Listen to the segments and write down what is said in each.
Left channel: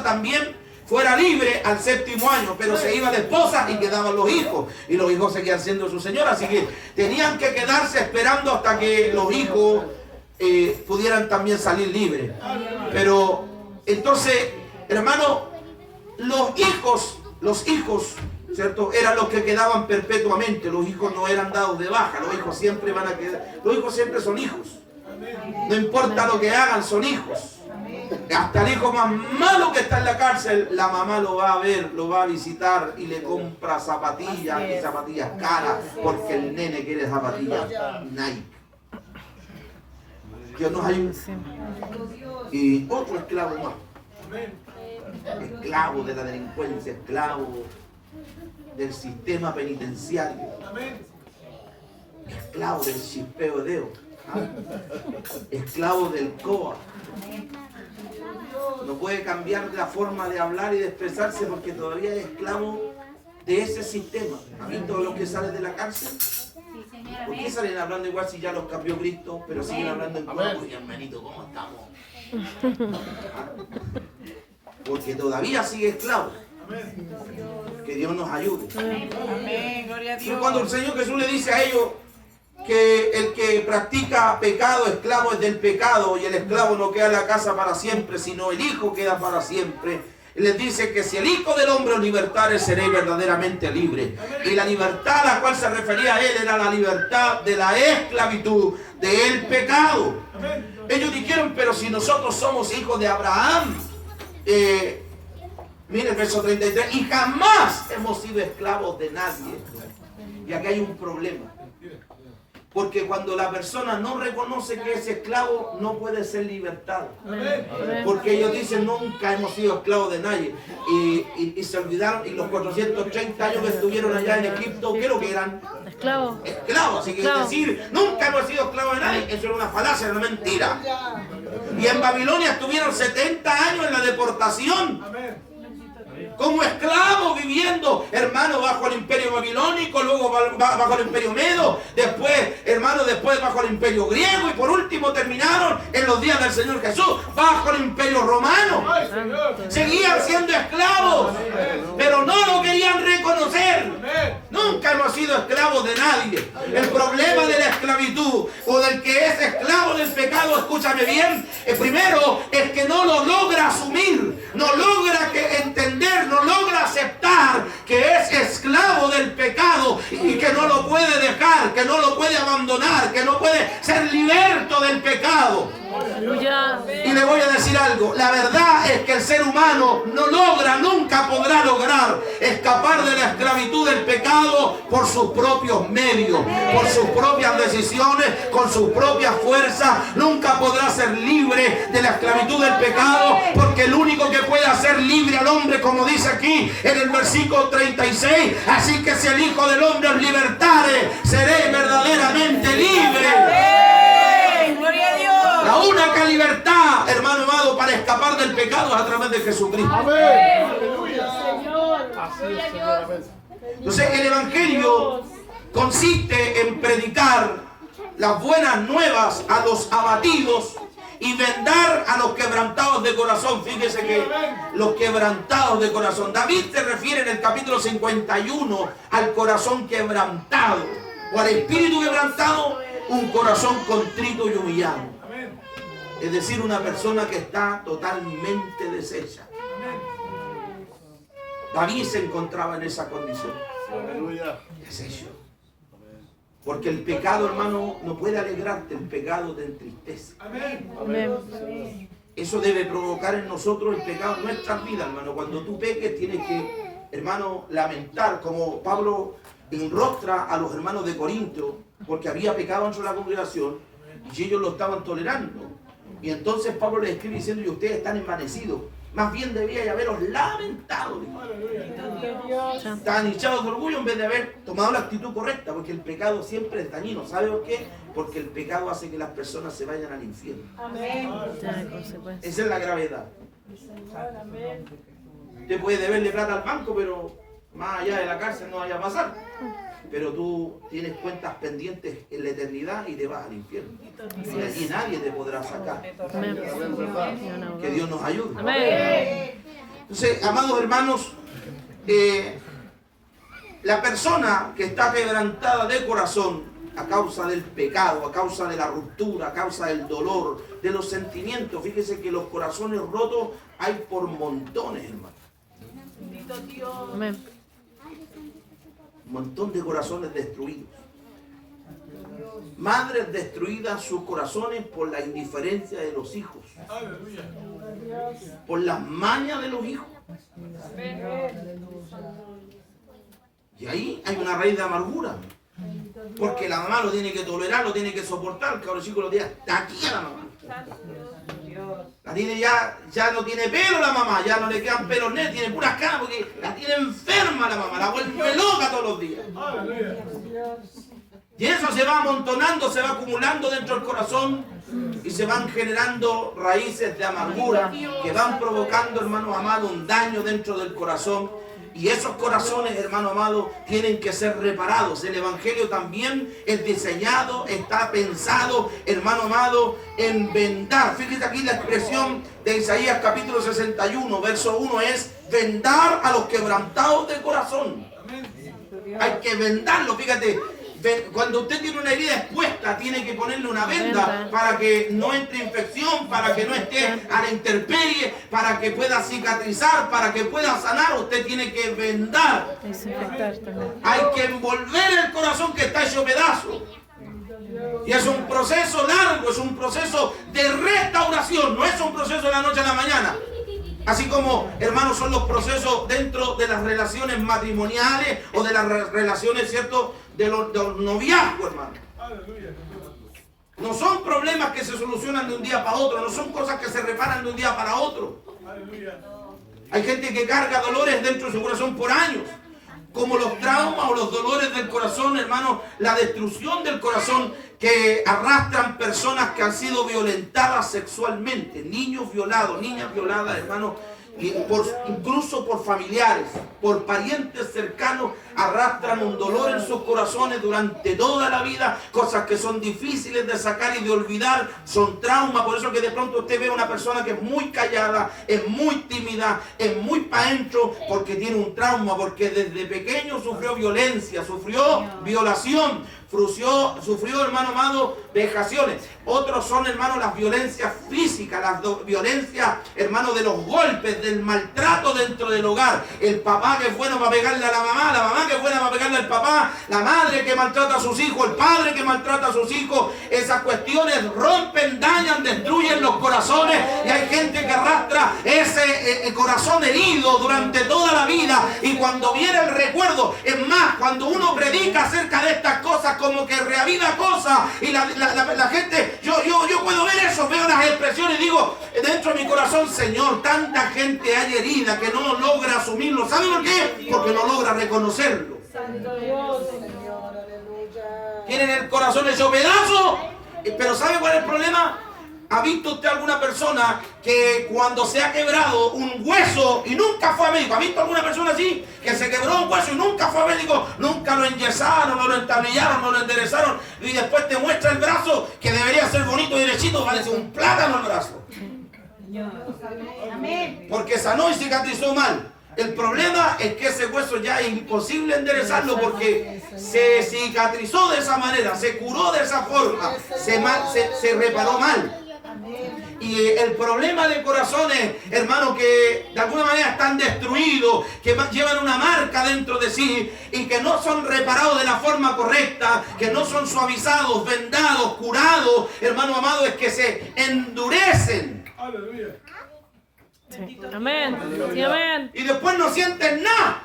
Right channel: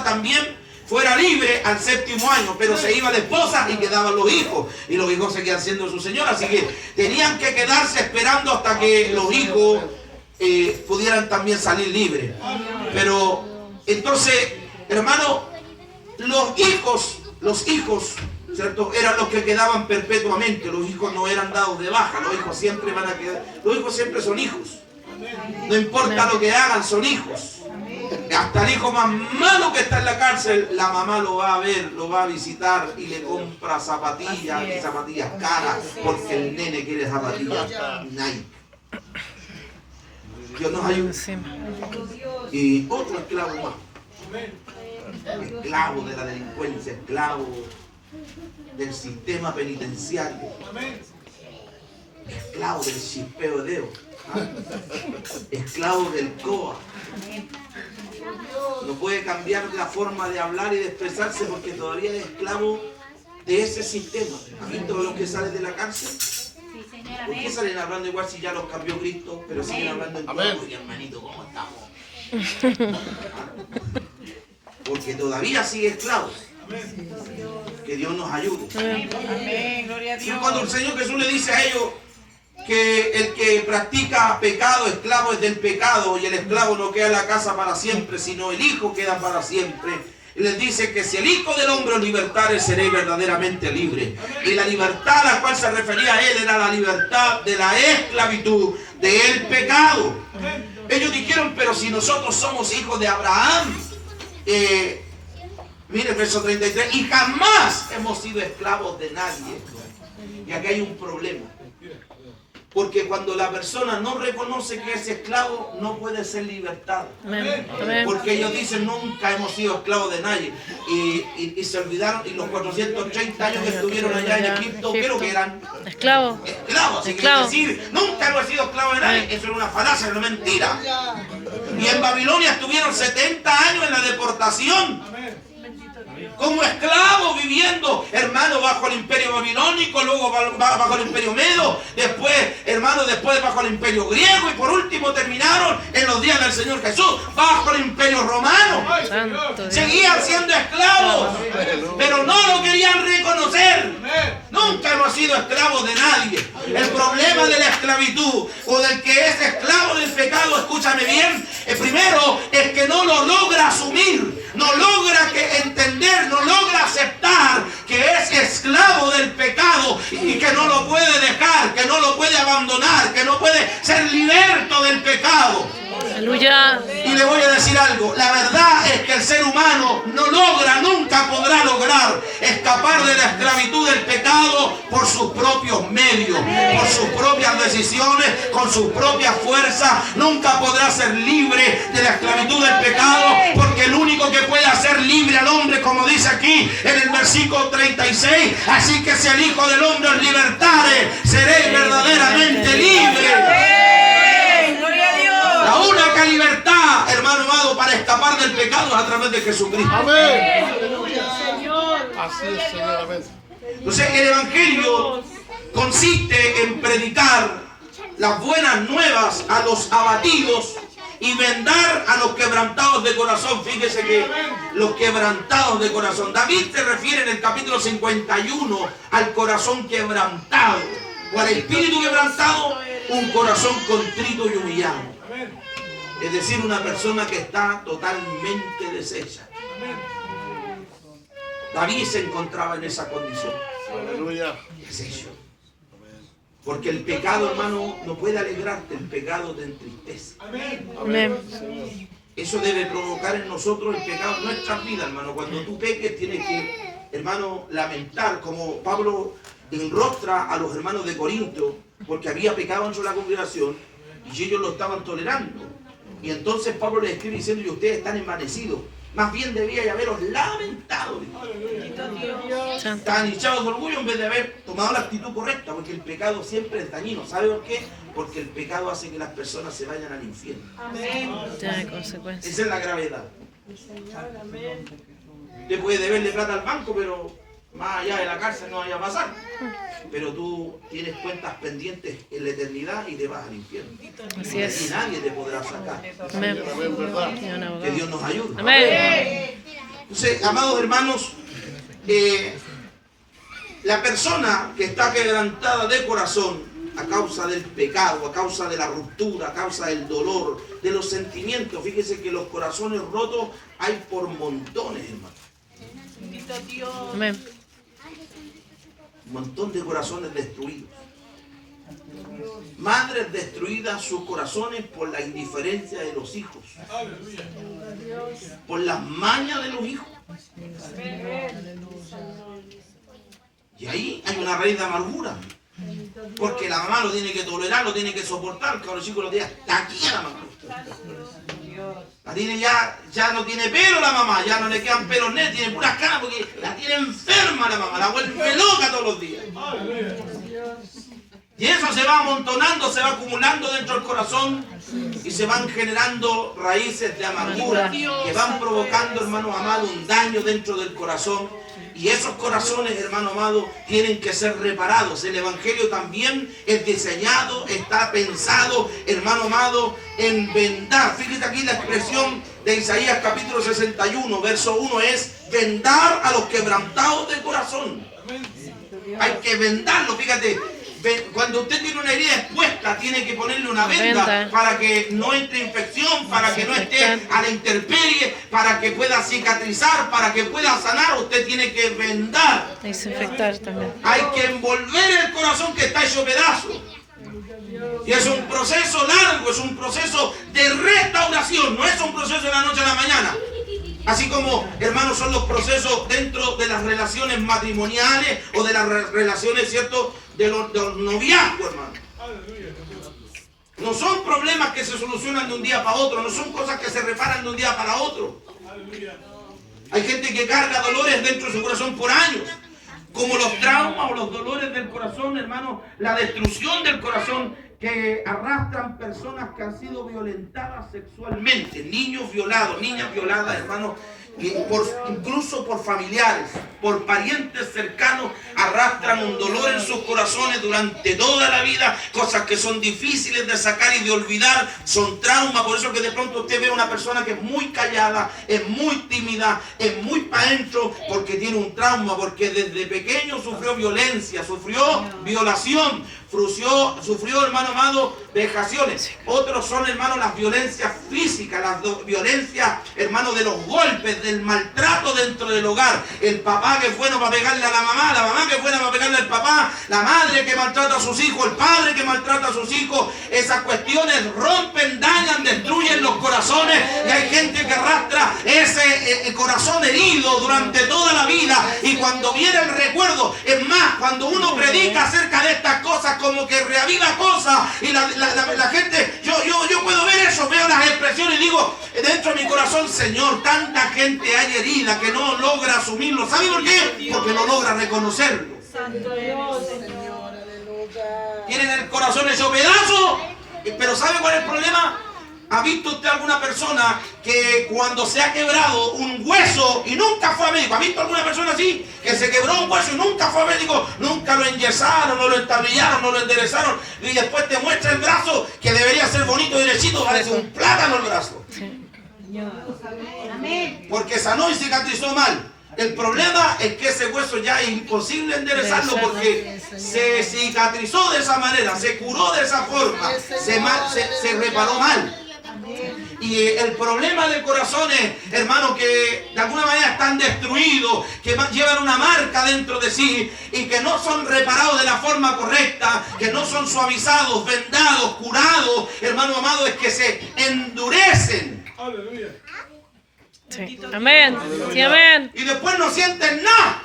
esposa también fuera libre al 7º año, pero se iba de esposa y quedaban los hijos, y los hijos seguían siendo su señora, así que tenían que quedarse esperando hasta que los hijos pudieran también salir libres. Pero entonces, hermano, los hijos, ¿cierto? Eran los que quedaban perpetuamente. Los hijos no eran dados de baja, los hijos siempre van a quedar, los hijos siempre son hijos. No importa lo que hagan, son hijos. Hasta el hijo más malo que está en la cárcel, la mamá lo va a ver, lo va a visitar y le compra zapatillas y zapatillas caras porque el nene quiere zapatillas Nike. Dios nos ayude. Y otro esclavo más. Esclavo de la delincuencia, esclavo del sistema penitenciario, esclavo del chispeo de dedo, esclavo del COA. No puede cambiar la forma de hablar y de expresarse porque todavía es esclavo de ese sistema. ¿Han visto los que salen de la cárcel? ¿Por qué salen hablando igual si ya los cambió Cristo, pero siguen hablando en COA? Oye, hermanito, ¿cómo estamos? Porque todavía sigue esclavos. Que Dios nos ayude. Amén, gloria a Dios. Cuando el Señor Jesús le dice a ellos que el que practica pecado, esclavo es del pecado, y el esclavo no queda en la casa para siempre, sino el Hijo queda para siempre. Les dice que si el Hijo del Hombre os libertare, seréis verdaderamente libre. Y la libertad a la cual se refería a él era la libertad de la esclavitud, del pecado. Ellos dijeron, pero si nosotros somos hijos de Abraham, mire el verso 33, y jamás hemos sido esclavos de nadie. Y aquí hay un problema. Porque cuando la persona no reconoce que es esclavo, no puede ser libertado. Porque ellos dicen, nunca hemos sido esclavos de nadie. Y se olvidaron, y los 430 años que estuvieron allá en Egipto, ¿qué es lo que eran? Esclavos. Esclavos. Así que decir, nunca hemos sido esclavos de nadie, eso era una falacia, era una mentira. Y en Babilonia estuvieron 70 años en la deportación. Como esclavos viviendo, hermano, bajo el imperio babilónico, luego bajo el imperio medo, después, hermano, después bajo el imperio griego, y por último terminaron en los días del Señor Jesús bajo el imperio romano. Seguían siendo esclavos, pero no lo querían reconocer. Nunca hemos sido esclavos de nadie. El problema de la esclavitud o del que es esclavo del pecado, escúchame bien, primero es que no lo logra asumir, no logra entender, no logra aceptar que es esclavo del pecado y que no lo puede dejar, que no lo puede abandonar, que no puede ser liberto del pecado. Aleluya. Y le voy a decir algo, la verdad es que el ser humano no logra, nunca podrá lograr escapar de la esclavitud del pecado por sus propios medios, por sus propias decisiones, con sus propias fuerzas. Nunca podrá ser libre de la esclavitud del pecado, porque el único que puede hacer libre al hombre, como dice aquí en el versículo 36, así que si el Hijo del Hombre os libertare, seréis verdaderamente libres. La única libertad, hermano amado, para escapar del pecado es a través de Jesucristo. Amén. Así es, Señor. Amén. Entonces, el Evangelio consiste en predicar las buenas nuevas a los abatidos y vendar a los quebrantados de corazón. Fíjese que los quebrantados de corazón. David se refiere en el capítulo 51 al corazón quebrantado, o al espíritu quebrantado, un corazón contrito y humillado. Es decir, una persona que está totalmente deshecha. David se encontraba en esa condición. Aleluya. Deshecho. Porque el pecado, hermano, no puede alegrarte, el pecado te entristece. Amén. Eso debe provocar en nosotros el pecado en nuestras vidas, hermano. Cuando tú peques tienes que, hermano, lamentar, como Pablo enrostra a los hermanos de Corinto, porque había pecado en la congregación y ellos lo estaban tolerando. Y entonces Pablo les escribe diciendo, y ustedes están envanecidos. Más bien debía haberos lamentado. Están hinchados de orgullo en vez de haber tomado la actitud correcta, porque el pecado siempre es dañino. ¿Sabe por qué? Porque el pecado hace que las personas se vayan al infierno. Amén. Esa es la gravedad. Usted puede deberle plata al banco, pero más allá de la cárcel no vaya a pasar. Pero tú tienes cuentas pendientes en la eternidad y te vas al infierno. Así es. Y nadie te podrá sacar. Amén. Que Dios nos ayude. Amén. Entonces, amados hermanos, la persona que está quebrantada de corazón a causa del pecado, a causa de la ruptura, a causa del dolor, de los sentimientos, fíjese que los corazones rotos hay por montones, hermano. Amén. Un montón de corazones destruidos. Madres destruidas sus corazones por la indiferencia de los hijos, por las mañas de los hijos. Y ahí hay una raíz de amargura, porque la mamá lo tiene que tolerar, lo tiene que soportar. Que los chicos lo tienen aquí a la mamá. La tiene ya no tiene pelo la mamá, ya no le quedan pelos net, tiene puras canas porque la tiene enferma la mamá, la vuelve loca todos los días. Y eso se va amontonando, se va acumulando dentro del corazón y se van generando raíces de amargura que van provocando, hermano amado, un daño dentro del corazón. Y esos corazones, hermano amado, tienen que ser reparados. El Evangelio también es diseñado, está pensado, hermano amado, en vendar. Fíjate aquí la expresión de Isaías capítulo 61, verso 1 es vendar a los quebrantados de corazón. Hay que vendarlo, fíjate. Cuando usted tiene una herida expuesta, tiene que ponerle una venda para que no entre infección, para que no esté a la intemperie, para que pueda cicatrizar, para que pueda sanar. Usted tiene que vendar. Desinfectar también. Hay que envolver el corazón que está hecho pedazo. Y es un proceso largo, es un proceso de restauración, no es un proceso de la noche a la mañana. Así como, hermanos, son los procesos dentro de las relaciones matrimoniales o de las relaciones, ¿cierto?, de los noviazgos, hermano. No son problemas que se solucionan de un día para otro, no son cosas que se reparan de un día para otro. Hay gente que carga dolores dentro de su corazón por años, como los traumas o los dolores del corazón, hermano, la destrucción del corazón que arrastran personas que han sido violentadas sexualmente, niños violados, niñas violadas, hermano, incluso por familiares, por parientes cercanos, arrastran un dolor en sus corazones durante toda la vida, cosas que son difíciles de sacar y de olvidar, son traumas. Por eso que de pronto usted ve a una persona que es muy callada, es muy tímida, es muy para adentro, porque tiene un trauma, porque desde pequeño sufrió violencia, sufrió violación, sufrió, hermano amado, vejaciones. Otros son, hermano, las violencias físicas, las violencias, hermano, de los golpes, del maltrato dentro del hogar. El papá que es bueno para pegarle a la mamá que es buena para pegarle al papá, la madre que maltrata a sus hijos, el padre que maltrata a sus hijos. Esas cuestiones rompen, dañan, destruyen los corazones, y hay gente que arrastra ese corazón herido durante toda la vida, y cuando viene el recuerdo, es más, cuando uno predica acerca de estas cosas, como que reaviva cosas, y la gente, yo puedo ver eso, veo las expresiones y digo dentro de mi corazón: Señor, tanta gente hay herida que no logra asumirlo. ¿Sabe por qué? Porque no logra reconocerlo. Santo Dios. Tienen el corazón hecho pedazo, pero ¿sabe cuál es el problema? ¿Ha visto usted alguna persona que cuando se ha quebrado un hueso y nunca fue a médico? ¿Ha visto alguna persona así? Que se quebró un hueso y nunca fue a médico, nunca lo enyesaron, no lo entablillaron, no lo enderezaron, y después te muestra el brazo que debería ser bonito y derechito, parece un plátano el brazo. Porque sanó y cicatrizó mal. El problema es que ese hueso ya es imposible enderezarlo, porque se cicatrizó de esa manera, se curó de esa forma, se reparó mal. Y el problema del corazón es, hermano, que de alguna manera están destruidos, que llevan una marca dentro de sí y que no son reparados de la forma correcta, que no son suavizados, vendados, curados, hermano amado, es que se endurecen. Aleluya. Sí. Amén. Sí, amén. Y después no sienten nada.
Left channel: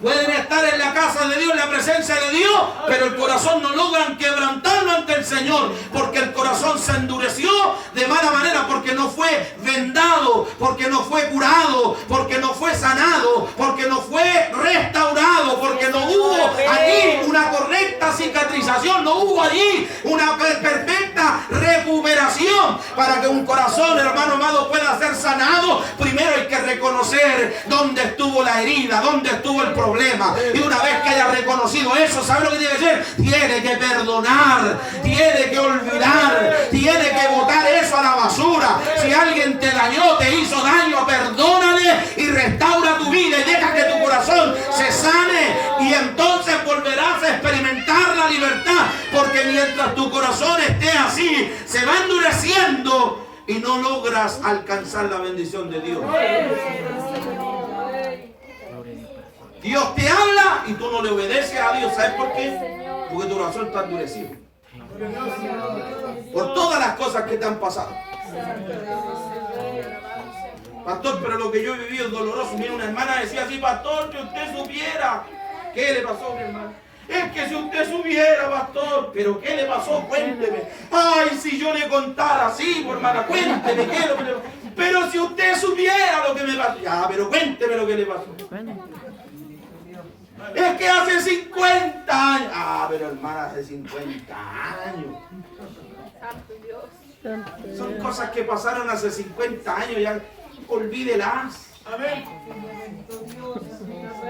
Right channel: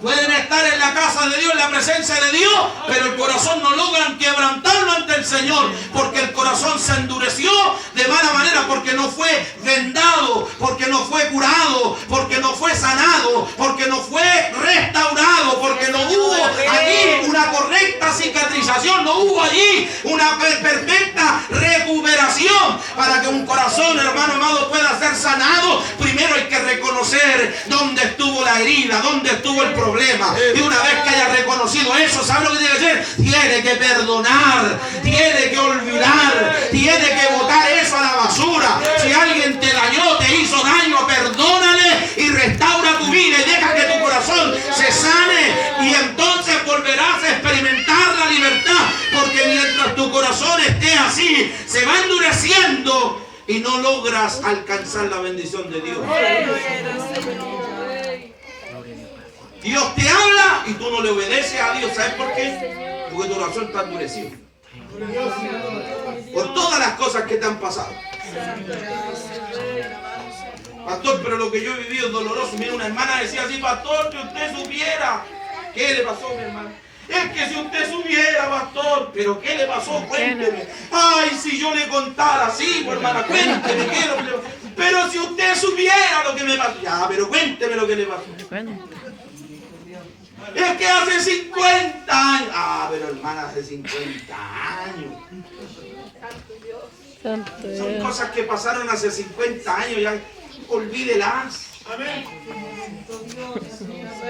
Pueden estar en la casa de Dios, en la presencia de Dios, pero el corazón no logran quebrantarlo ante el Señor, porque el corazón se endureció de mala manera, porque no fue vendado, porque no fue curado, porque no fue sanado, porque no fue restaurado, porque no hubo allí una correcta cicatrización, no hubo allí una perfecta recuperación. Para que un corazón, hermano amado, pueda ser sanado, primero hay que reconocer dónde estuvo la herida, dónde estuvo el problema. Y una vez que haya reconocido eso, ¿sabe lo que tiene que hacer? Tiene que perdonar, tiene que olvidar, tiene que botar eso a la basura. Si alguien te dañó, te hizo daño, corazón esté así, se va endureciendo y no logras alcanzar la bendición de Dios. Dios te habla y tú no le obedeces a Dios. ¿Sabes por qué? Porque tu corazón está endurecido. Por todas las cosas que te han pasado. Pastor, pero lo que yo he vivido es doloroso. Mira, una hermana decía así: pastor, que usted supiera. ¿Qué le pasó, mi hermana? Es que si usted supiera, pastor. ¿Pero qué le pasó? Cuénteme. Ay, si yo le contara, sí, pues, hermana, cuénteme qué es lo que le pasó. Pero si usted supiera lo que me pasó. Ya, pero cuénteme lo que le pasó. Es que hace 50 años. Ah, pero hermana, hace 50 años. Son cosas que pasaron hace 50 años, ya olvídelas. Amén.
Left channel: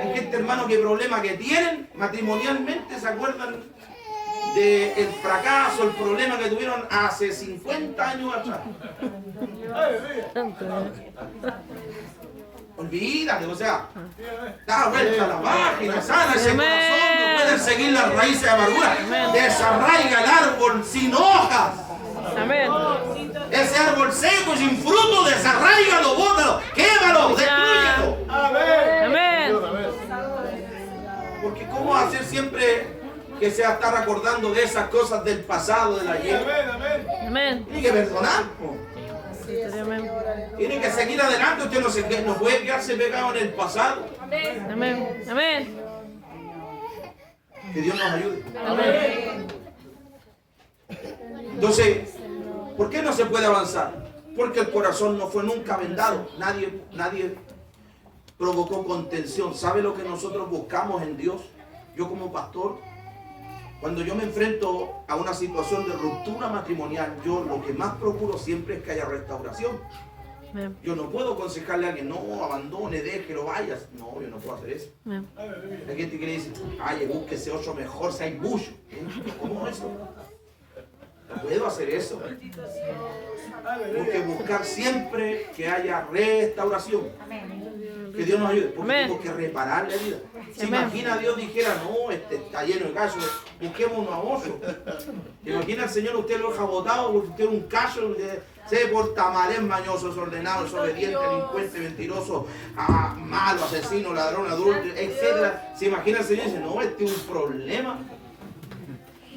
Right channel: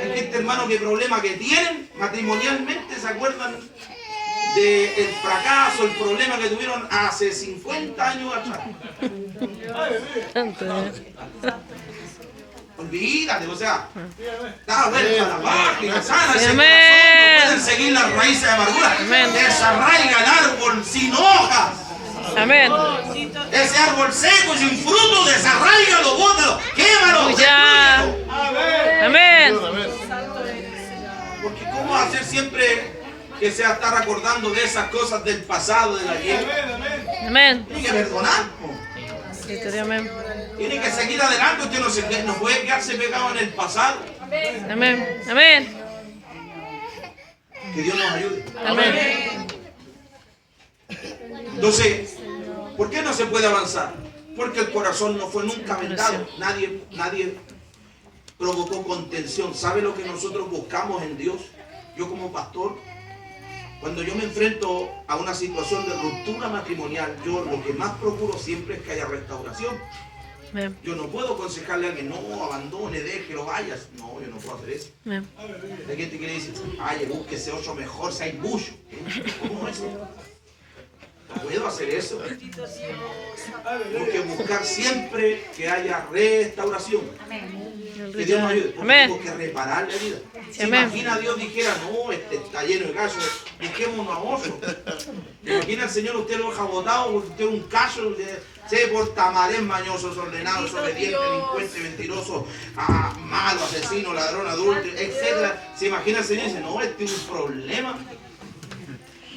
Es que este hermano, qué problema que tienen matrimonialmente, se acuerdan del fracaso, el problema que tuvieron hace 50 años atrás. Olvídate, o sea, da vuelta a la página, sana ese corazón, no pueden seguir las raíces de amargura. Desarraiga el árbol sin hojas. Amén. Ese árbol seco sin fruto, desarraígalo, bótalo, quémalo, destrúyelo. Amén. Porque ¿cómo hacer siempre que sea estar acordando de esas cosas del pasado, del ayer? Amén. Tiene que perdonar. Amén. Tiene que seguir adelante. Usted no puede quedarse pegado en el pasado. Amén. Amén. Que Dios nos ayude. Amén. Entonces, ¿por qué no se puede avanzar? Porque el corazón no fue nunca vendado. Nadie provocó contención. ¿Sabe lo que nosotros buscamos en Dios? Yo como pastor, cuando yo me enfrento a una situación de ruptura matrimonial, yo lo que más procuro siempre es que haya restauración. Amén. Yo no puedo aconsejarle a alguien: no, abandone, déjelo, vayas. No, yo no puedo hacer eso. Amén. Hay gente que le dice: ay, búsquese otro mejor, si hay mucho. ¿Cómo es eso? No puedo hacer eso. Tengo que buscar siempre que haya restauración. Que Dios nos ayude. Porque tengo que reparar la vida. ¿Se imagina Dios dijera: no, este está lleno de callos, dejémonos a otro? ¿Se imagina el Señor usted lo deja botado porque usted es un callo? Se porta mal, es mañoso, desordenado, desobediente, delincuente, mentiroso, malo, asesino, ladrón, adulto, etc. ¿Se imagina el Señor y dice: no, este es un problema?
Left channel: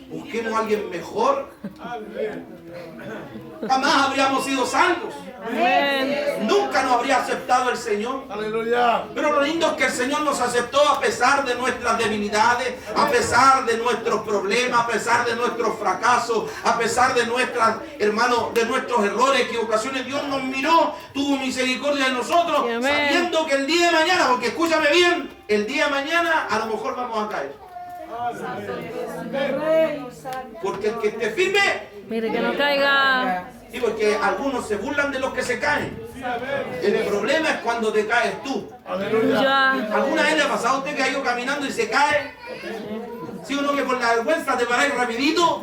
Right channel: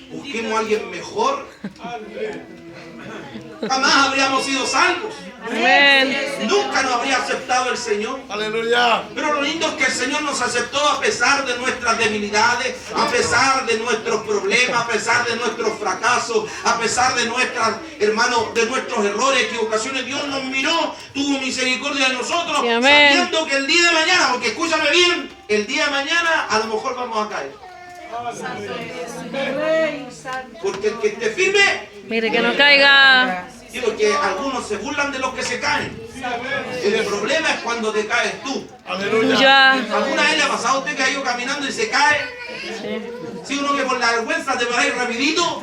Busquemos a alguien mejor. Jamás habríamos sido salvos. Amén. Nunca nos habría aceptado el Señor. Aleluya. Pero lo lindo es que el Señor nos aceptó a pesar de nuestras debilidades, a pesar de nuestros problemas, a pesar de nuestros fracasos, a pesar de nuestras, hermanos, de nuestros errores, equivocaciones. Dios nos miró, tuvo misericordia de nosotros, Sí, amén. sabiendo que el día de mañana, porque escúchame bien, el día de mañana a lo mejor vamos a caer. Porque el que esté firme, Mire que no caiga. digo que algunos se burlan de los que se caen. El problema es cuando te caes tú. Aleluya. ¿Alguna vez le ha pasado a usted que ha ido caminando y se cae? ¿Sí o no, que por la vergüenza te paráis rapidito?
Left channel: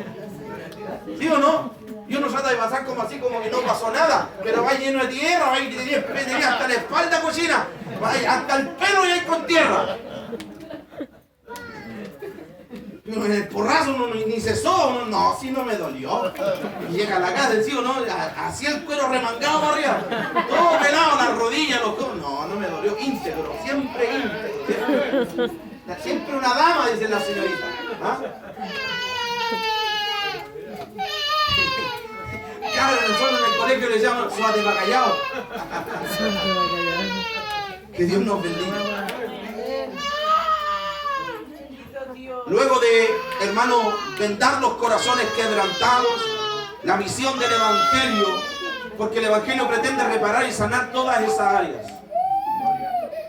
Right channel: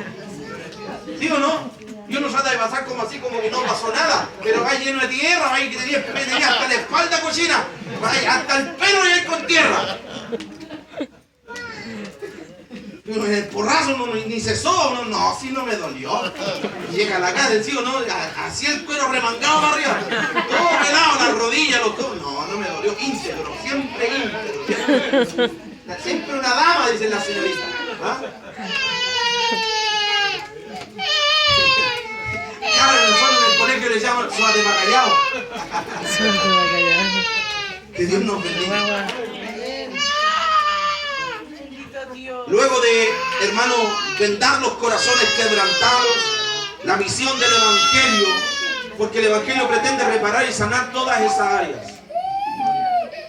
¿Sí o no? Y uno trata de pasar como así, como que no pasó nada, pero va lleno de tierra, va que tenía hasta la espalda cochina, hasta el pelo y ahí con tierra. En el porrazo uno ni cesó, uno no, así no me dolió. Llega a la casa, ¿sí o no? Así el cuero remangado para arriba, todo pelado, las rodillas, los codos. No, no me dolió, íntegro, siempre íntegro. Siempre una dama, dice la señorita. ¿Ah? Claro, nosotros en el colegio le llaman suate para callado. Que Dios nos bendiga. Luego de, hermano, vendar los corazones quebrantados, la misión del Evangelio, porque el Evangelio pretende reparar y sanar todas esas áreas.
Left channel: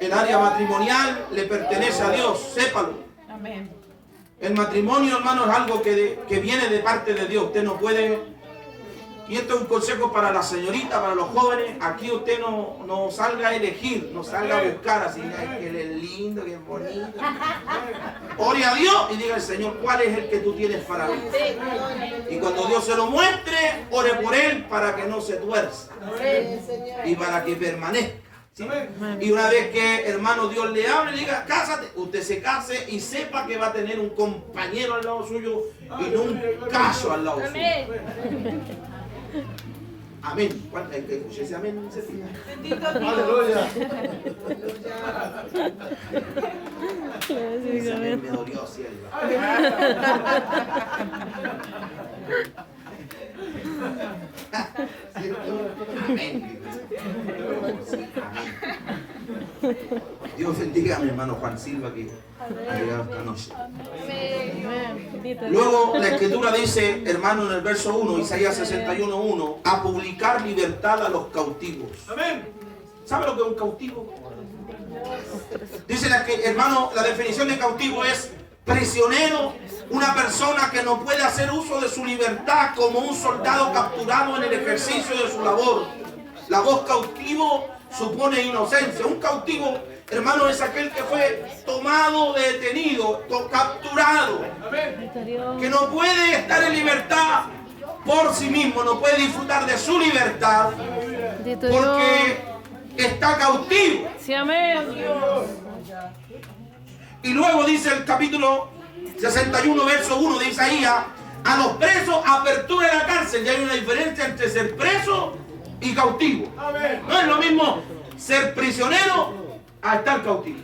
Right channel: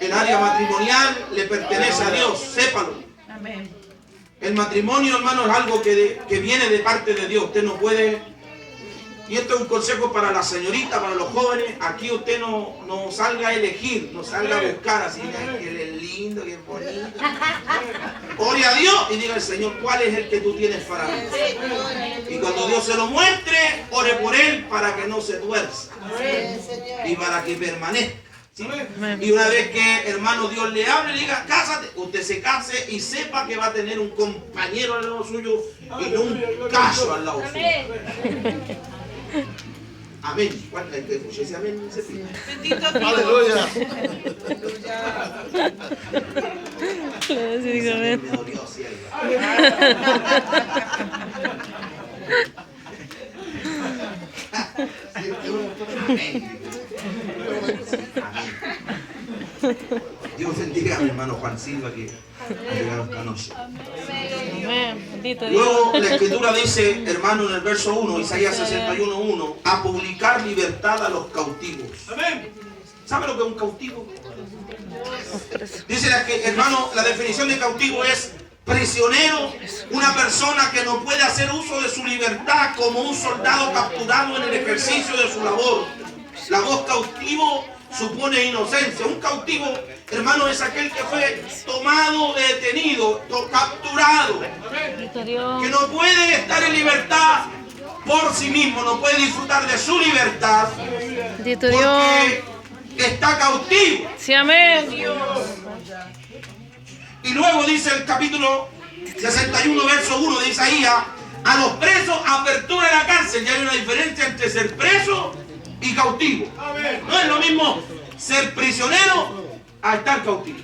El área matrimonial le pertenece a Dios, sépalo. Amén. El matrimonio, hermano, es algo que viene de parte de Dios. Usted no puede... Y esto es un consejo para la señorita, para los jóvenes. Aquí usted no salga a elegir, no salga a buscar así, que es lindo, que es bonito. Ore a Dios y diga al Señor: ¿cuál es el que tú tienes para mí? Y cuando Dios se lo muestre, ore por él para que no se tuerza y para que permanezca. ¿Sí? Amén. Y una vez que, hermano, Dios le hable y le diga, cásate, usted se case y sepa que va a tener un compañero al lado suyo y no un cacho al lado suyo. Amén. ¿Cuánto hay que escuchar ese amén? Bendito Dios. Aleluya. Sí, digo, amén. Me dolió, sierva. Amén. Dios bendiga a mi hermano Juan Silva que ha llegado esta noche. Amén. Bendito Dios. Luego la escritura dice, hermano, en el verso 1, Isaías 61:1, a publicar libertad a los cautivos. ¿Sabe lo que es un cautivo? Dice hermano, la definición de cautivo es prisionero, una persona que no puede hacer uso de su libertad, como un soldado capturado en el ejercicio de su labor. La voz cautivo supone inocencia. Un cautivo, hermano, es aquel que fue tomado, detenido, capturado, Bendito Dios. que no puede estar en libertad por sí mismo, no puede disfrutar de su libertad Bendito Dios. porque está cautivo. Sí, amén. Y luego dice el capítulo 61, verso 1 de Isaías, a los presos apertura de la cárcel. Ya hay una diferencia entre ser preso y cautivo. No es lo mismo ser prisionero a estar cautivo.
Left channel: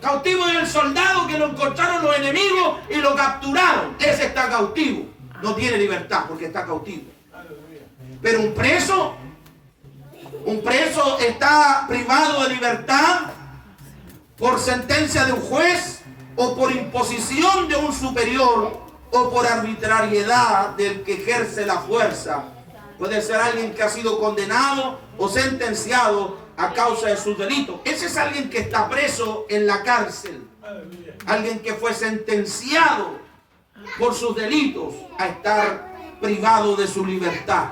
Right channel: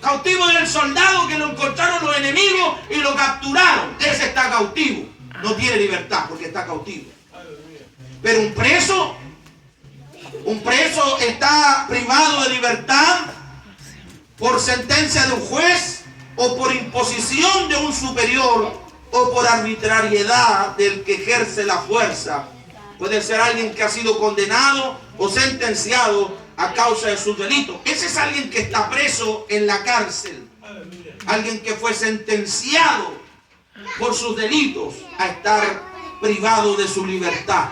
Cautivo es el soldado que lo encontraron los enemigos y lo capturaron. Ese está cautivo. No tiene libertad porque está cautivo. Pero un preso está privado de libertad por sentencia de un juez o por imposición de un superior o por arbitrariedad del que ejerce la fuerza. Puede ser alguien que ha sido condenado o sentenciado a causa de sus delitos. Ese es alguien que está preso en la cárcel. Alguien que fue sentenciado por sus delitos a estar privado de su libertad.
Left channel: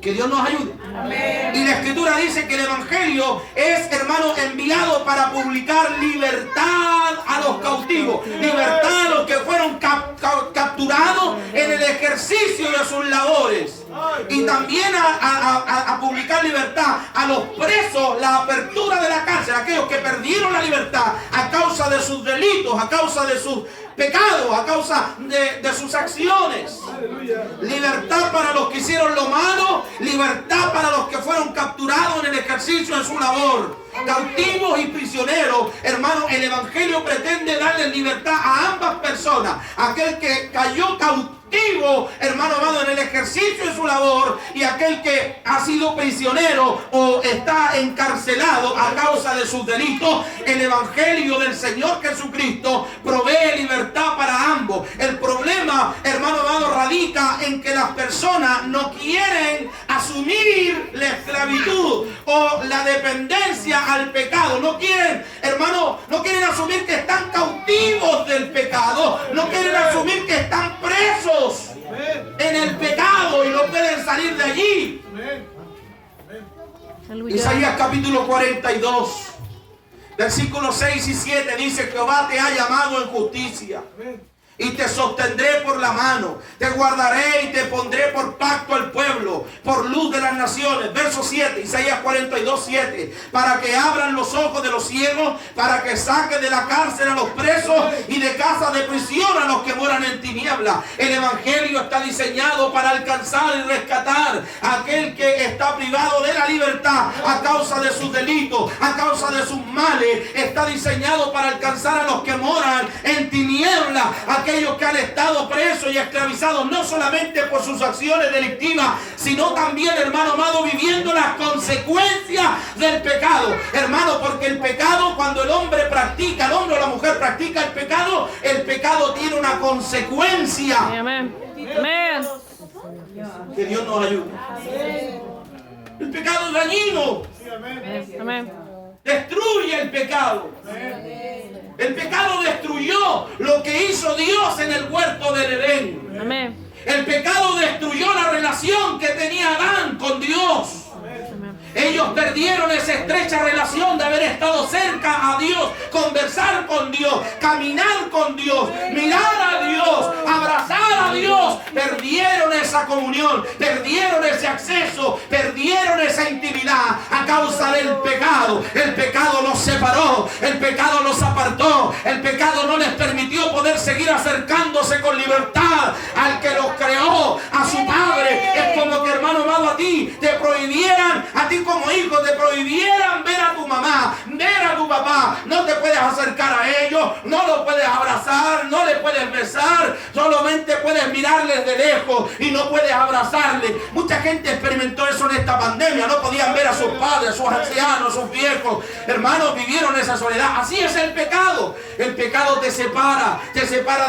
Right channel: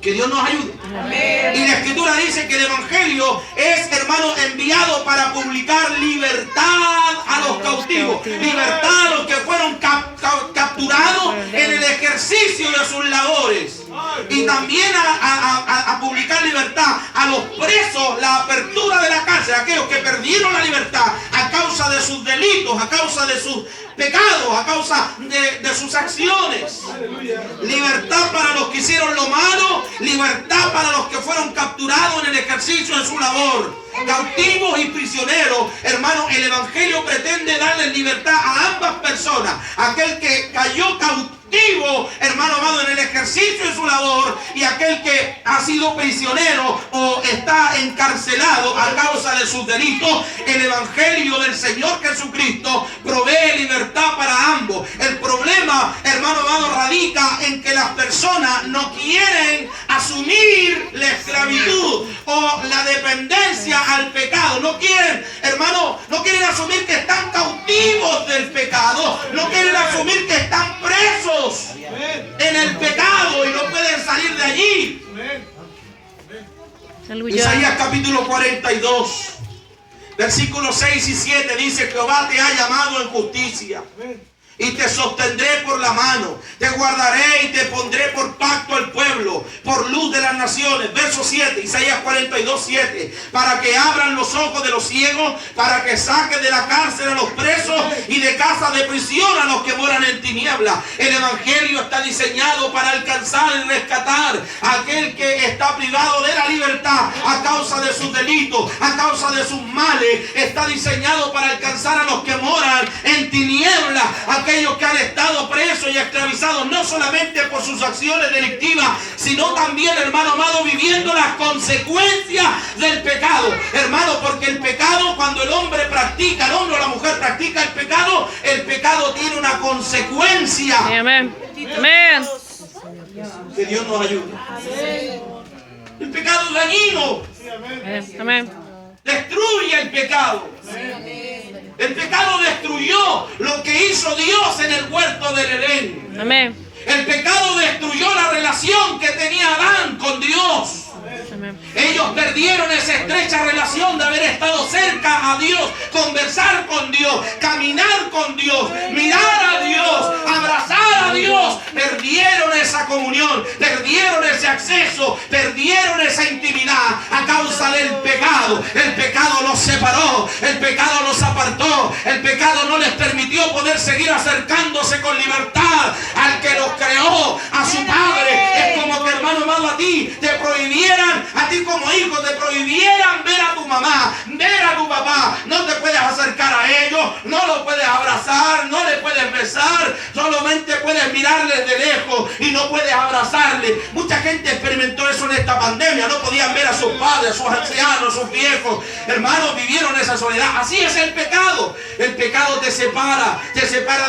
Que Dios nos ayude. Amén. Y la escritura dice que el evangelio es, hermano, enviado para publicar libertad a los cautivos, libertad a los que fueron capturados en el ejercicio de sus labores, y también a publicar libertad a los presos, la apertura de la cárcel, aquellos que perdieron la libertad a causa de sus delitos, a causa de sus pecados, a causa de sus acciones. Libertad para los que hicieron lo malo, libertad para los que fueron capturados en el ejercicio de su labor. Cautivos y prisioneros, hermano, el evangelio pretende darle libertad a ambas personas. Aquel que cayó cautivo, hermano amado, en el ejercicio de su labor, y aquel que ha sido prisionero o está encarcelado a causa de sus delitos. El evangelio del Señor Jesucristo provee libertad para ambos. El problema, hermano amado, radica en que las personas no quieren asumir la esclavitud o la dependencia al pecado. No quieren, hermano, no quieren asumir que están cautivos del pecado. No quieren asumir que están presos en el pecado y no pueden salir de allí. Aleluya. Isaías capítulo 42, versículos 6 y 7 dice: Jehová te ha llamado en justicia y te sostendré por la mano, te guardaré y te pondré por pacto al pueblo, por luz de las naciones. Verso 7, Isaías 42, 7. Para que abran los ojos de los ciegos, para que saque de la cárcel a los presos y de casa de prisión a los que moran en tinieblas. El evangelio está diseñado para alcanzar y rescatar a aquel que está privado de la libertad a causa de sus delitos, a causa de sus males. Está diseñado para alcanzar a los que moran en tinieblas, aquellos que han estado presos y esclavizados no solamente por sus acciones delictivas, sino también, hermano amado, viviendo las consecuencias del pecado. Hermano, porque el pecado, cuando el hombre o la mujer practica el pecado tiene una consecuencia. Amén. Amén. Que Dios nos ayude. El pecado es dañino. Amén. Destruye el pecado. El pecado destruyó lo que hizo Dios en el huerto del Edén. Amén. El pecado destruyó la relación que tenía Adán con Dios. Ellos perdieron esa estrecha relación de haber estado cerca a Dios, conversar con Dios, caminar con Dios, mirar a Dios, abrazar a Dios. Perdieron esa comunión, perdieron ese acceso, perdieron esa esa intimidad a causa del pecado. El pecado los separó, el pecado los apartó, el pecado no les permitió poder seguir acercándose con libertad al que los creó, a su Padre. Es como que, hermano amado, a ti te prohibieran, a ti como hijo te prohibieran ver a tu mamá, ver a tu papá. No te puedes acercar a ellos, no los puedes abrazar, no les puedes besar, solamente puedes mirarles de lejos y no puedes abrazarles. Mucha gente experimentó eso en esta pandemia, no podían ver a sus padres, a sus ancianos, a sus viejos. Hermanos, vivieron esa soledad. Así es el pecado. El pecado te separa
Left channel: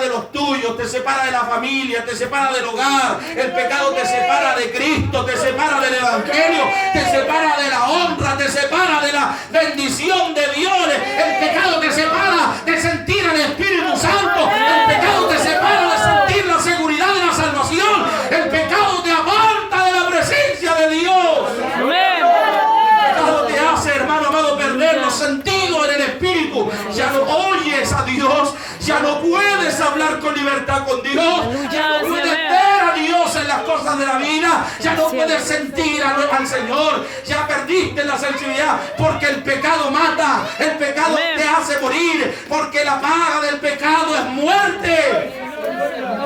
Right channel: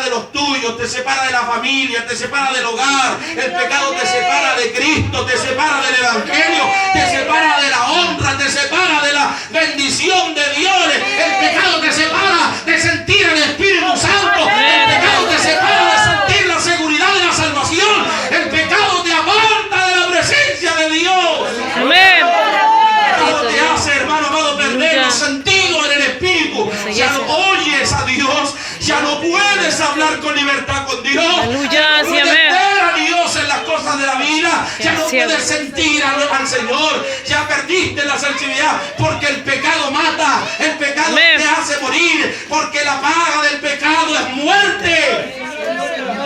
de los tuyos, te separa de la familia, te separa del hogar. El pecado te separa de Cristo, te separa del Evangelio, te separa de la honra, te separa de la bendición de Dios. El pecado te separa de sentir el Espíritu Santo. El pecado te separa de sentir la seguridad de la salvación. El pecado te aparta de la presencia de Dios. Amén. El pecado te hace, hermano amado, perder los sentidos en el Espíritu. Ya no oyes a Dios, ya no puedes hablar con libertad con Dios. Ya no puedes ver a Dios en las cosas de la vida. Ya no puedes sentir al Señor. Ya perdiste la sensibilidad porque el pecado mata. El pecado te hace morir porque la paga del pecado es muerte.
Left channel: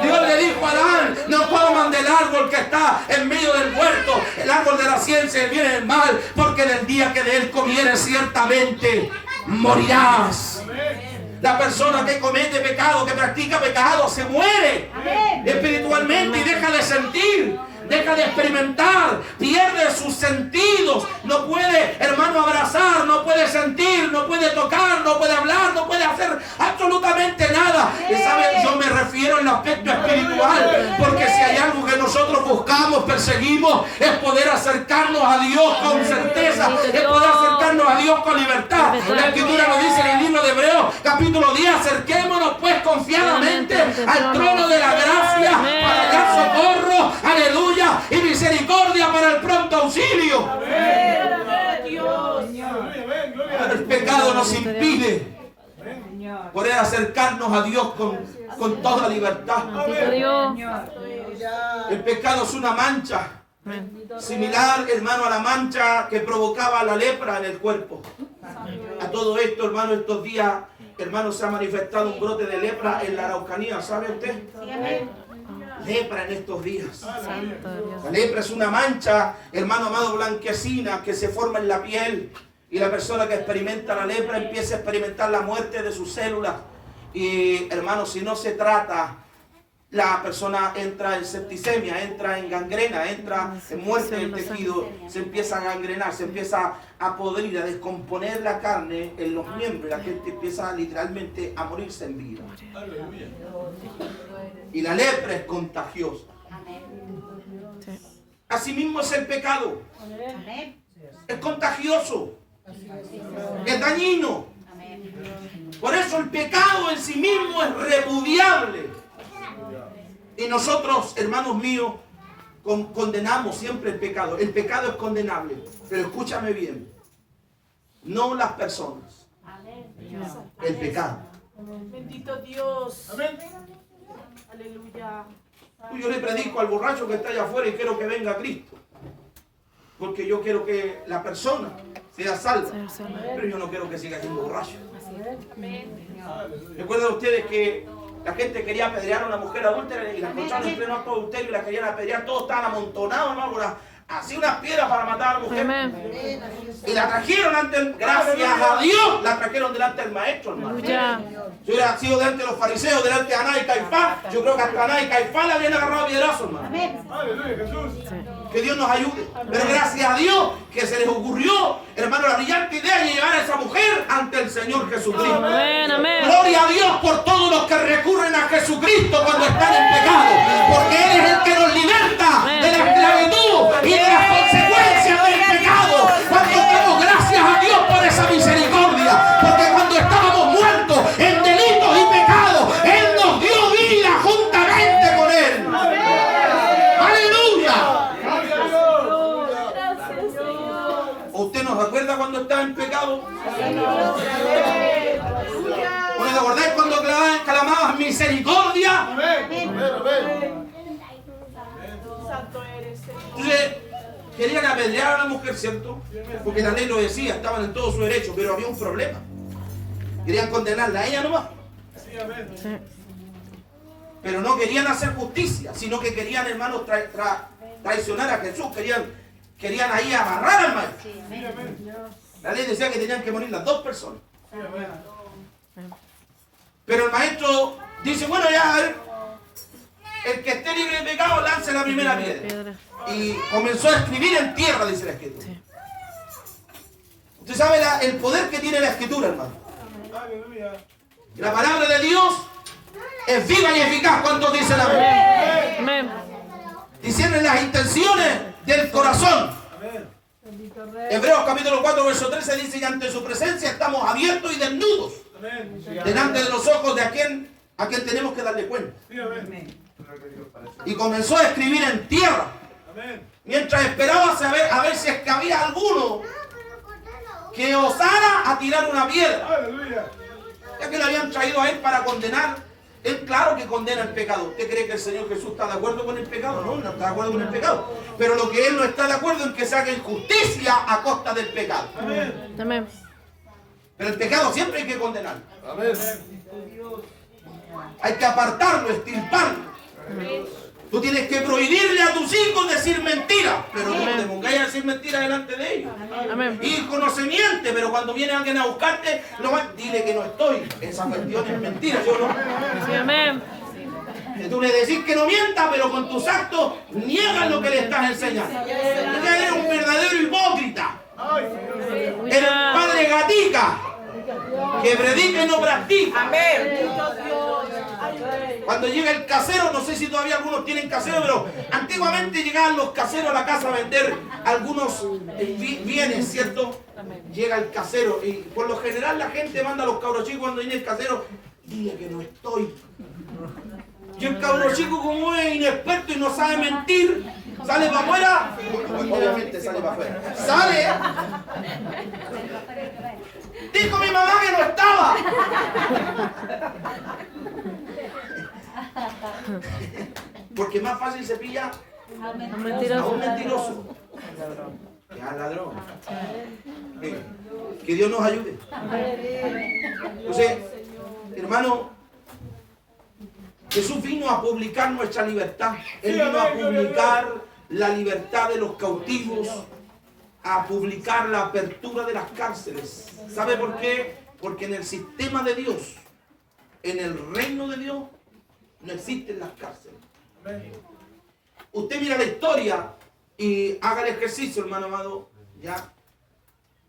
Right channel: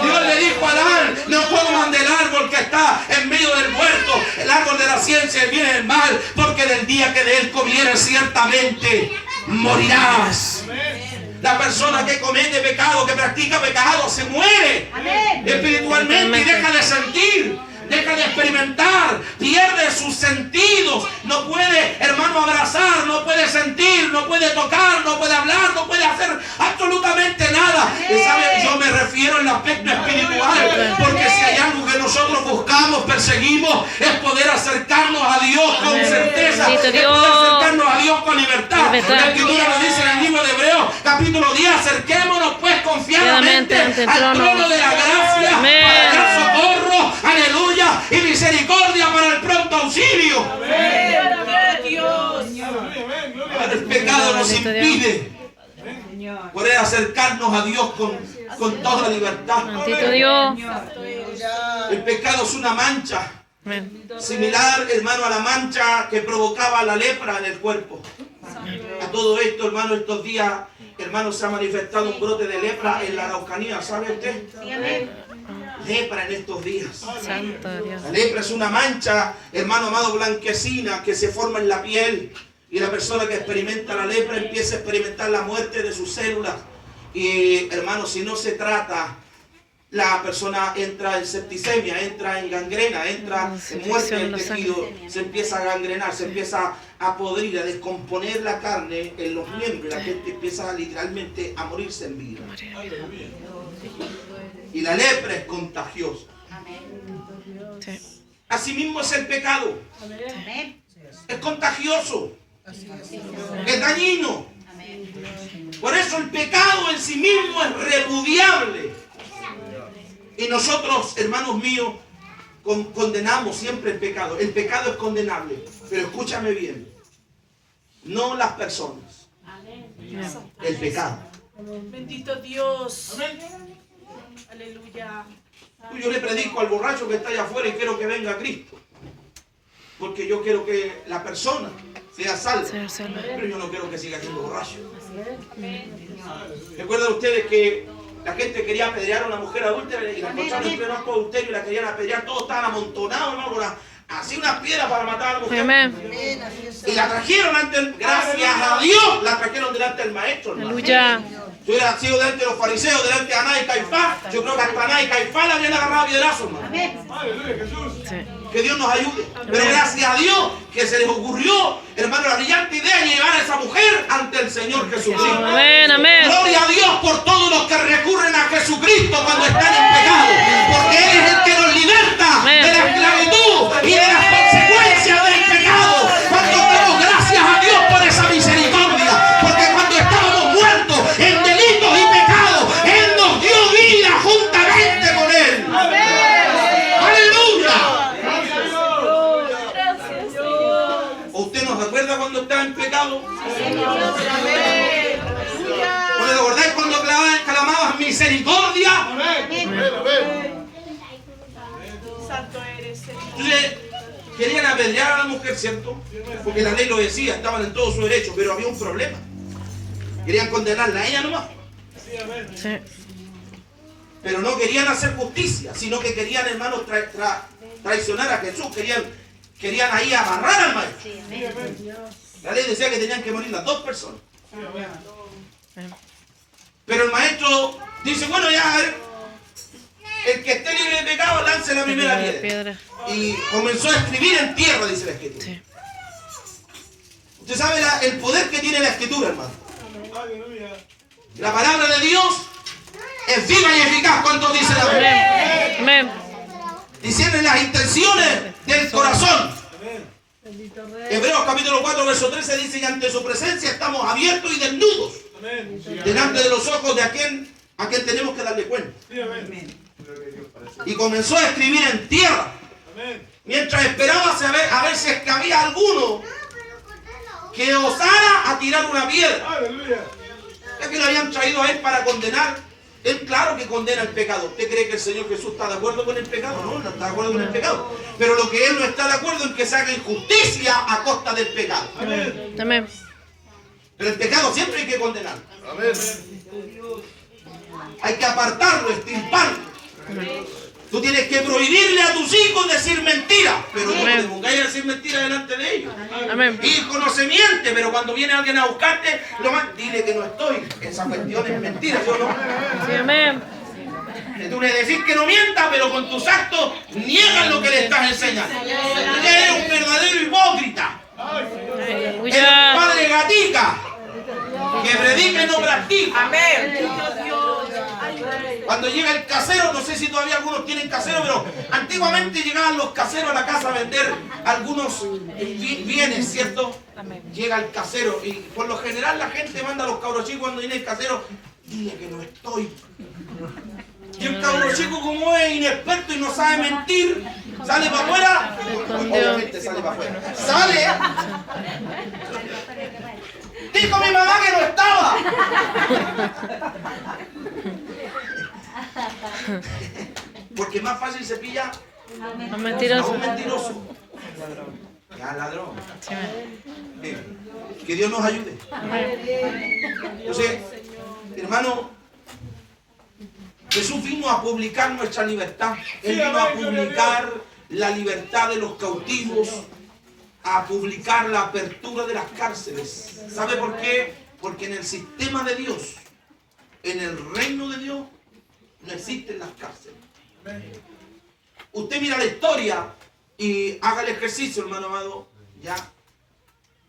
Dios le dijo a Adán: no coman del árbol que está en medio del huerto, el árbol de la ciencia del bien y del mal, porque del día que de él comieres ciertamente morirás. La persona que comete pecado, que practica pecado, se muere espiritualmente y deja de sentir, deja de experimentar, pierde sus sentidos. No puede, hermano, abrazar, no puede sentir, no puede tocar, no puede hablar, no puede hacer absolutamente nada. Y sabe, yo me refiero al aspecto espiritual, porque si hay algo que nosotros buscamos, perseguimos, es poder acercarnos a Dios con certeza, es poder acercarnos a Dios con libertad. La Escritura nos dice en el libro de Hebreos, capítulo 10: acerquémonos pues confiadamente al trono de la gracia para hallar socorro, aleluya, y misericordia para el pronto auxilio. El pecado nos impide poder acercarnos a Dios con toda libertad. El pecado es una mancha similar, hermano, a la mancha que provocaba la lepra en el cuerpo. A todo esto, hermano, estos días, hermano, se ha manifestado un brote de lepra en la Araucanía. ¿Sabe usted? Lepra en estos días. La lepra es una mancha, hermano amado, blanquecina que se forma en la piel. Y la persona que experimenta la lepra empieza a experimentar la muerte de sus células. Y, hermano, si no se trata, la persona entra en septicemia, entra en gangrena, entra en muerte del tejido, se empieza a gangrenar, se empieza a podrir, a descomponer la carne en los miembros. La gente empieza literalmente a morirse en vida. Y la lepra es contagiosa. Asimismo es el pecado. Es contagioso. Es dañino. Por eso el pecado en sí mismo es repudiable. Y nosotros, hermanos míos, condenamos siempre el pecado. El pecado es condenable. Pero escúchame bien. No las personas. El pecado. Bendito Dios. Amén. Aleluya. Yo le predico al borracho que está allá afuera y quiero que venga Cristo. Porque yo quiero que la persona sea salva. Pero yo no quiero que siga siendo borracho. ¿Recuerdan ustedes que la gente quería apedrear a una mujer adúltera y la encontraron en pleno acto de adulterio y la querían apedrear? Todos estaban amontonados, hermano, así unas piedras para matar a la mujer. Y la trajeron gracias a Dios, la trajeron delante del maestro, hermano. Si hubiera sido delante de los fariseos, delante de Anás y Caifás, yo creo que hasta Anás y Caifás le habían agarrado a piedrazos, hermano. Aleluya, Jesús. Que Dios nos ayude. Pero gracias a Dios que se les ocurrió, hermano, la brillante idea de llevar a esa mujer ante el Señor Jesucristo. Amén, amén. Gloria a Dios por todos los que recurren a Jesucristo cuando están en pecado. Porque Él es el que nos liberta de la esclavitud y de las consecuencias del pecado. Cuando damos gracias a Dios por esa misericordia. Porque cuando estábamos muertos en delitos y pecados, Él nos dio vida juntamente con Él. ¿Usted nos recuerda cuando estaba en pecado? ¿Te acordáis cuando clamabas misericordia? Santo eres, Señor. Entonces, Querían apedrear a la mujer, ¿cierto? Porque la ley lo decía, estaban en todo su derecho, pero había un problema. Querían condenarla a ella nomás. Sí. Pero no querían hacer justicia, sino que querían, hermanos, traicionar a Jesús. Querían ahí agarrar al maestro. La ley decía que tenían que morir las dos personas. Pero el maestro dice, bueno, ya, a ver, el que esté libre de pecado lance la primera piedra. Y comenzó a escribir en tierra, dice la Escritura. Sí. Usted sabe el poder que tiene la Escritura, hermano. La palabra de Dios es viva y eficaz. ¿Cuántos dicen amén? Amén. Disciernen las intenciones del corazón. Hebreos capítulo 4, verso 13 dice: y ante su presencia estamos abiertos y desnudos, delante de los ojos de a quien tenemos que darle cuenta. Y comenzó a escribir en tierra, mientras esperaba a ver si es que había alguno que osara a tirar una piedra, ya que lo habían traído a él para condenar. Él, claro que condena el pecado. ¿Usted cree que el Señor Jesús está de acuerdo con el pecado? No, no está de acuerdo con el pecado. Pero lo que Él no está de acuerdo es que se haga injusticia a costa del pecado. Amén. Pero el pecado siempre hay que condenarlo. Hay que apartarlo, extirparlo. Tú tienes que prohibirle a tus hijos decir mentiras, pero no te pongáis a decir mentiras delante de ellos. Amén. Hijo no se miente, pero cuando viene alguien a buscarte, dile que no estoy. Esa cuestión es mentira. Yo no. Sí, amén. Tú le decís que no mienta, pero con tus actos niegan lo que le estás enseñando. Ella es un verdadero hipócrita. El Aleluya. padre gatica, que predica y no practica. Bendito Dios. Cuando llega el casero, no sé si todavía algunos tienen casero, pero antiguamente llegaban los caseros a la casa a vender algunos bienes, ¿cierto? Llega el casero y por lo general la gente manda a los cabros chicos cuando viene el casero: dile que no estoy. Y el cabro chico, como es inexperto y no sabe mentir, sale para afuera. Obviamente sale para afuera. Sale. Dijo mi mamá que no estaba. Porque es más fácil se pilla No a mentiroso. un mentiroso. Ya, ladrón. Que Dios nos ayude. Entonces, hermano, Jesús vino a publicar nuestra libertad. Él vino a publicar la libertad de los cautivos, a publicar la apertura de las cárceles. ¿Sabe por qué? Porque en el sistema de Dios, en el reino de Dios, no existen las cárceles. Usted mira la historia y haga el ejercicio, hermano amado. Ya.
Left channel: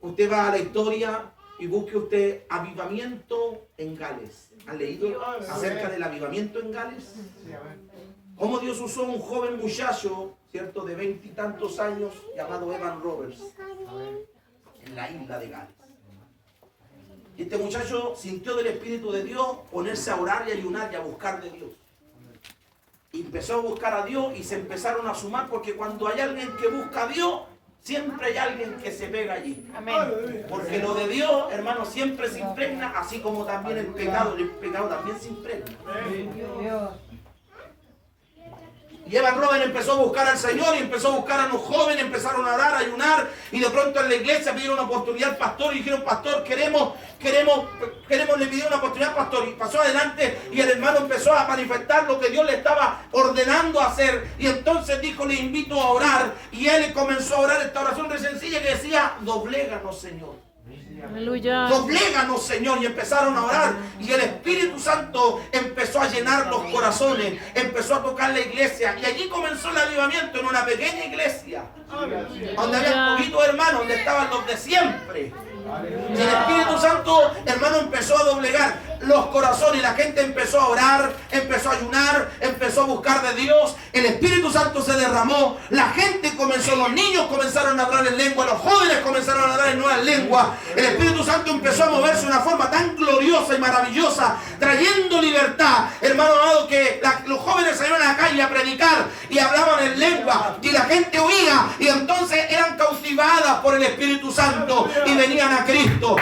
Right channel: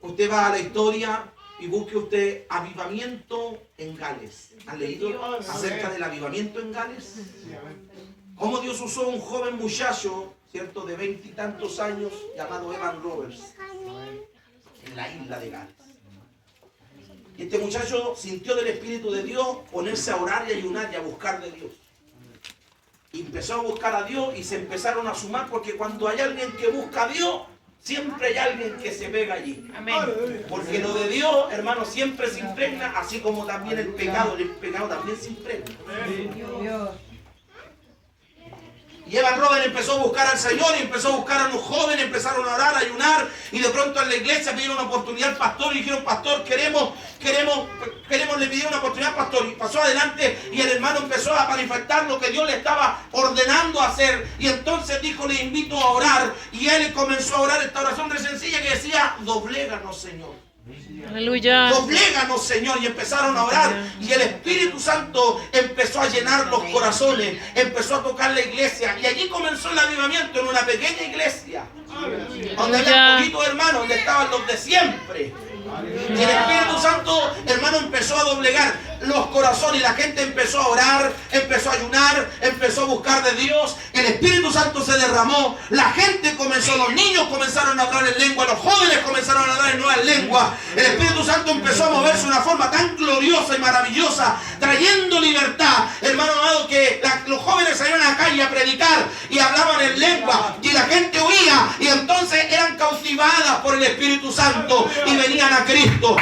Usted va a la historia y busque usted avivamiento en Gales. ¿Han leído acerca del avivamiento en Gales? Cómo Dios usó a un joven muchacho, ¿cierto?, de 20 y tantos años, llamado Evan Roberts, en la isla de Gales. Y este muchacho sintió del Espíritu de Dios ponerse a orar y ayunar y a buscar de Dios. Y empezó a buscar a Dios y se empezaron a sumar, porque cuando hay alguien que busca a Dios, siempre hay alguien que se pega allí. Amén. Porque lo de Dios, hermano, siempre se impregna, así como también el pecado también se impregna. Y Evan Roberts empezó a buscar al Señor y empezó a buscar a los jóvenes, empezaron a orar, a ayunar, y de pronto en la iglesia pidieron una oportunidad al pastor y dijeron: pastor, queremos, le pidieron una oportunidad al pastor. Y pasó adelante y el hermano empezó a manifestar lo que Dios le estaba ordenando hacer. Y entonces dijo: le invito a orar. Y él comenzó a orar esta oración re sencilla que decía: dobléganos, Señor. Aleluya. Dobléganos, Señor. Y empezaron a orar. Y el Espíritu Santo empezó a llenar los corazones. Empezó a tocar la iglesia. Y allí comenzó el avivamiento en una pequeña iglesia. Donde había poquitos hermanos, donde estaban los de siempre. Y el Espíritu Santo, hermano, empezó a doblegar los corazones. La gente empezó a orar, empezó a ayunar, empezó a buscar de Dios. El Espíritu Santo se derramó. La gente comenzó, los niños comenzaron a hablar en lengua, los jóvenes comenzaron a hablar en nuevas lenguas. El Espíritu Santo empezó a moverse de una forma tan gloriosa y maravillosa, trayendo libertad, hermano amado, que los jóvenes salieron a la calle a predicar y hablaban en lengua, y la gente oía, y entonces eran cautivadas por el Espíritu Santo y venían a Cristo.